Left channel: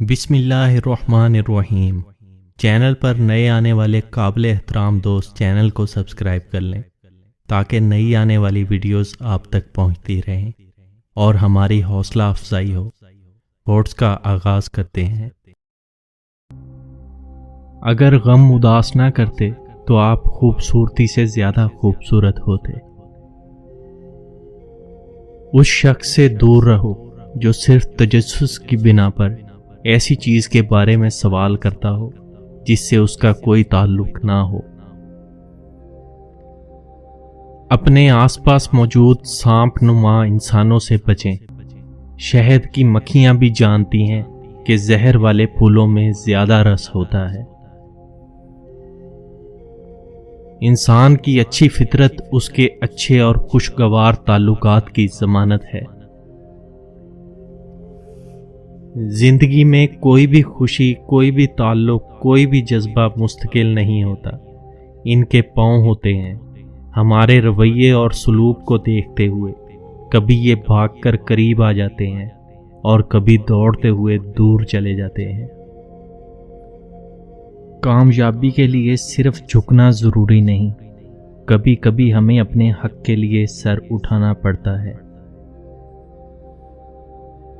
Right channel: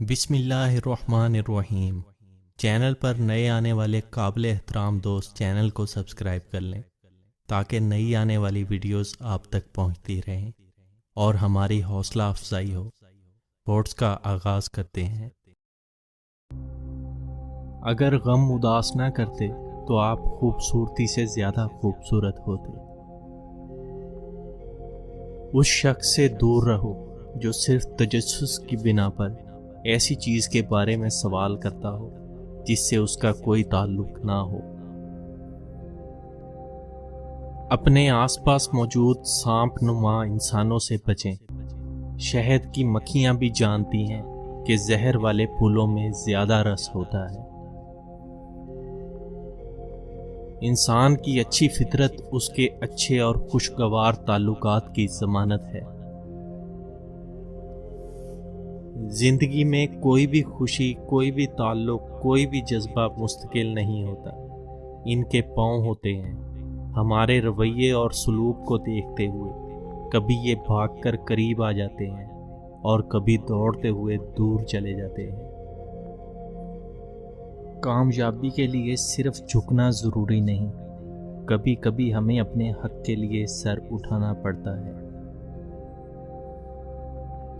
بسم اللہ الرحمن الرحیم۔ چینل پر نئے آنے والے قابل احترام دوست چینل کو سبسکرائب کر لیں تاکہ نئی آنے والی ویڈیوز آپ تک پہنچتی رہیں اور ہماری حوصلہ افزائی ہو۔ تھاٹس کا آغاز کرتے ہیں۔ اگر غم اداس نہ کرتے تو آپ خوبصورتی سے زیادہ خوبصورت ہوتے۔ اس شخص سے دور رہو جو صرف تجسس کی بنا پر ایسی چیز کے بارے میں سوال کرتا ہو جس سے اس کا کوئی تعلق نہ ہو۔ اپنے آس پاس موجود سانپ نما انسانوں سے بچیں۔ شہد کی مکھیاں بھی جانتی ہیں کہ زہر والے پھولوں میں زیادہ رس ہوتا ہے۔ انسان کی اچھی فطرت اس کے اچھے اور خوشگوار تعلقات کی ضمانت ہے۔ زندگی میں کوئی بھی خوشی، کوئی بھی تعلق، کوئی بھی جذبہ مستقل نہیں ہوتا۔ ان کے پاؤں ہوتے ہیں ہمارے رویے اور سلوک کو دیکھتے ہوئے۔ کبھی یہ بھاگ کر قریب آ جاتے ہیں اور کبھی دوڑتے ہوئے دور چلے جاتے ہیں۔ کامیابی کے لیے صرف جھکنا ضروری نہیں، کبھی کبھی ہمیں اپنے حق کے لیے سر اٹھانا پڑتا ہے۔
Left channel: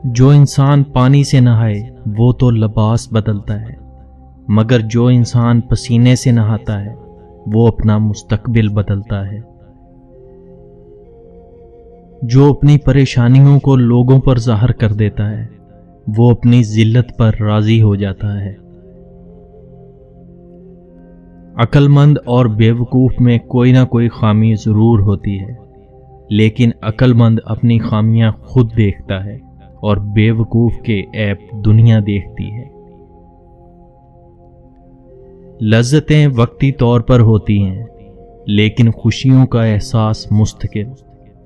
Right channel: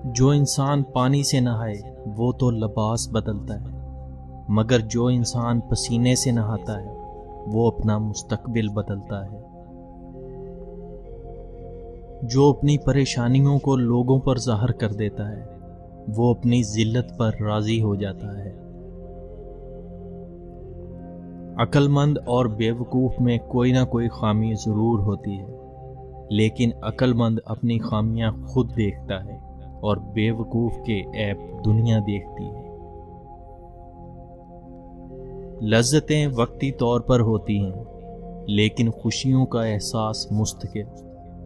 جو انسان پانی سے نہائے وہ تو لباس بدلتا ہے، مگر جو انسان پسینے سے نہاتا ہے وہ اپنا مستقبل بدلتا ہے۔ جو اپنی پریشانیوں کو لوگوں پر ظاہر کر دیتا ہے وہ اپنی ذلت پر راضی ہو جاتا ہے۔ عقل مند اور بیوقوف میں کوئی نہ کوئی خامی ضرور ہوتی ہے، لیکن عقل مند اپنی خامیاں خود دیکھتا ہے اور بیوقوف کے عیب دنیا دیکھتی ہے۔ لذتیں وقتی طور پر ہوتی ہیں، لیکن خوشیوں کا احساس مستقل،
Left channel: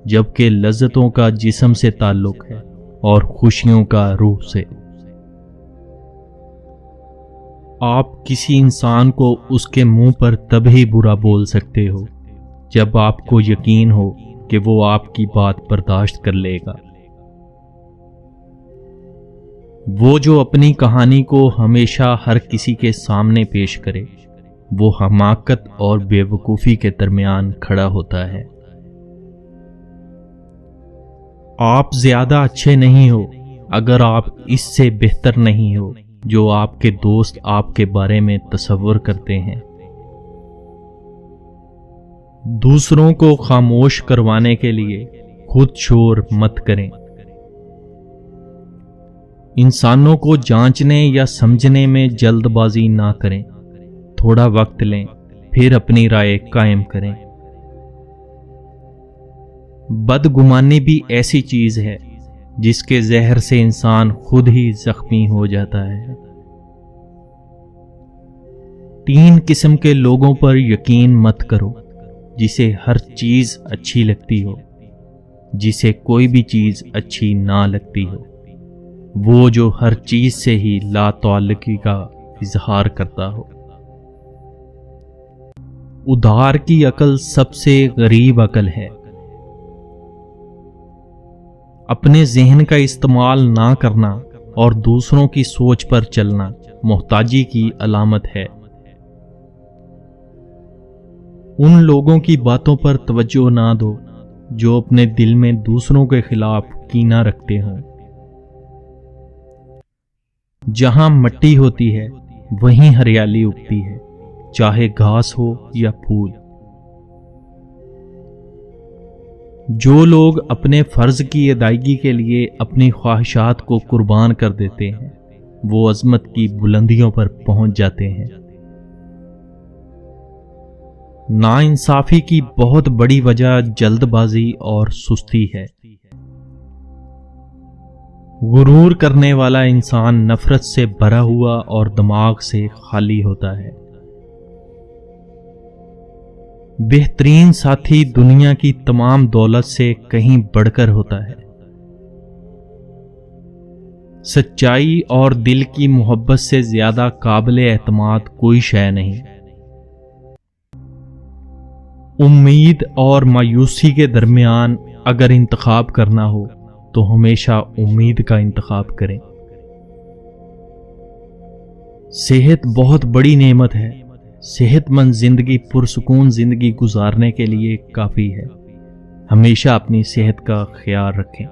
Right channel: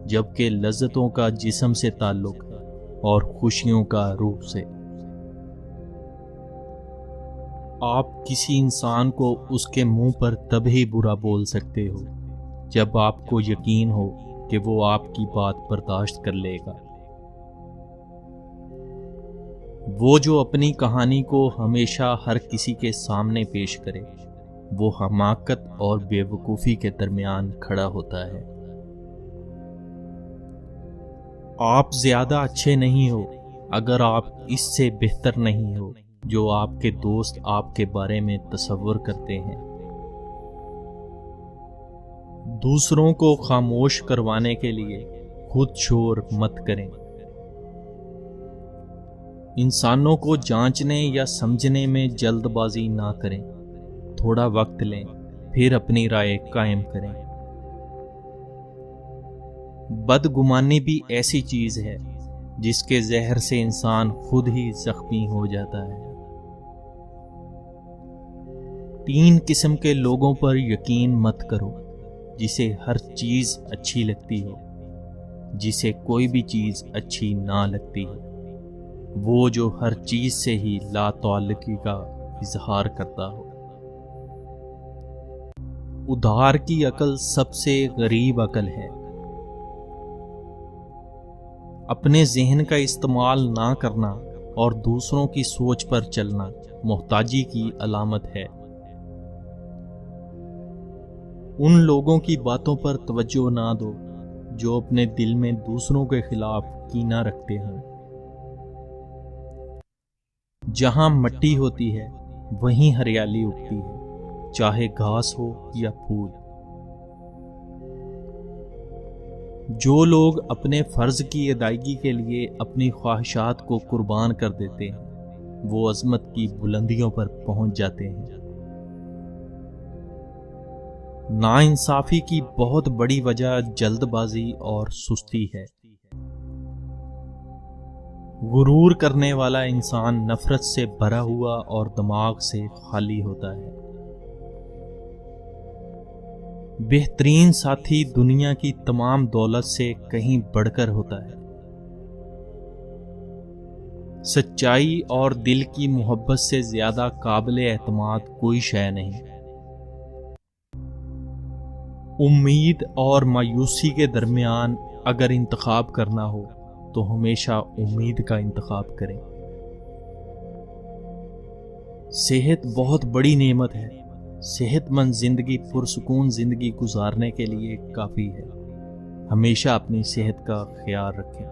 جبکہ لذتوں کا جسم سے تعلق ہے اور خوشیوں کا روح سے۔ آپ کسی انسان کو اس کے منہ پر تب ہی برا بول سکتے ہو جب آپ کو یقین ہو کہ وہ آپ کی بات برداشت کر لے گا۔ وہ جو اپنی کہانی کو ہمیشہ ہر کسی کے سامنے پیش کرے وہ حماقت اور بیوقوفی کے درمیان کھڑا ہوتا ہے۔ آپ زیادہ اچھے نہیں ہو اگر آپ اس سے بہتر نہیں ہو جو آپ کے دوست آپ کے بارے میں تصور کرتے ہیں۔ دوسروں کو خاموش کروانے کے لیے خود شور مت کریں۔ انسانوں کو جانچنے یا سمجھنے میں جلد بازی نہ کریں، تھوڑا وقت لیں پھر اپنی رائے قائم کریں۔ بدگمانی بھی ایسی چیز ہے جس کے زہر سے انسان خود ہی زخمی ہو جاتا ہے۔ 3 قسم کے لوگوں پر یقین مت کرو: جسے ہر چیز اچھی لگتی ہو، جسے کوئی بھی چیز اچھی نہ لگتی ہو، وہ جو ہر چیز سے ہی لا تعلقی کا اظہار کرتا ہو۔ ادھار کی عقل سب سے غریب عقل ہے۔ اپنے ذہن کا استعمال نہ کرنا اور دوسروں کی سوچ پر چلنا محتاجی کی علامت ہے۔ ان لوگوں کی باتوں پر توجہ نہ دو جو اپنے دل میں دوسروں کے خلاف کینہ رکھتے ہوں۔ جہاں مٹی ہوتی ہے وہیں ہریالی اگتی ہے، چاہے گھاس ہو یا پھول۔ جو لوگ اپنے فرض کی ادائیگی کے لیے اپنی خواہشات کو قربان کر دیتے ہیں وہ عظمت کی بلندیوں پر پہنچ جاتے ہیں۔ ناانصافی کی بہت بڑی وجہ جلد بازی اور سستی ہے۔ غرور کرنے والا انسان نفرت سے بھرا ہوا اور دماغ سے خالی ہوتا ہے۔ بہترین ساتھی دنیا کی تمام دولت سے کہیں بڑھ کر ہوتا ہے۔ سچائی اور دل کی محبت سے زیادہ قابل اعتماد کوئی شے نہیں۔ امید اور مایوسی کے درمیان اگر انتخاب کرنا ہو تو ہمیشہ امید کا انتخاب کریں۔ صحت بہت بڑی نعمت ہے. صحت مند زندگی پرسکون زندگی گزارنے کے لیے کافی ہے. ہمیشہ اپنی صحت کا خیال رکھیں.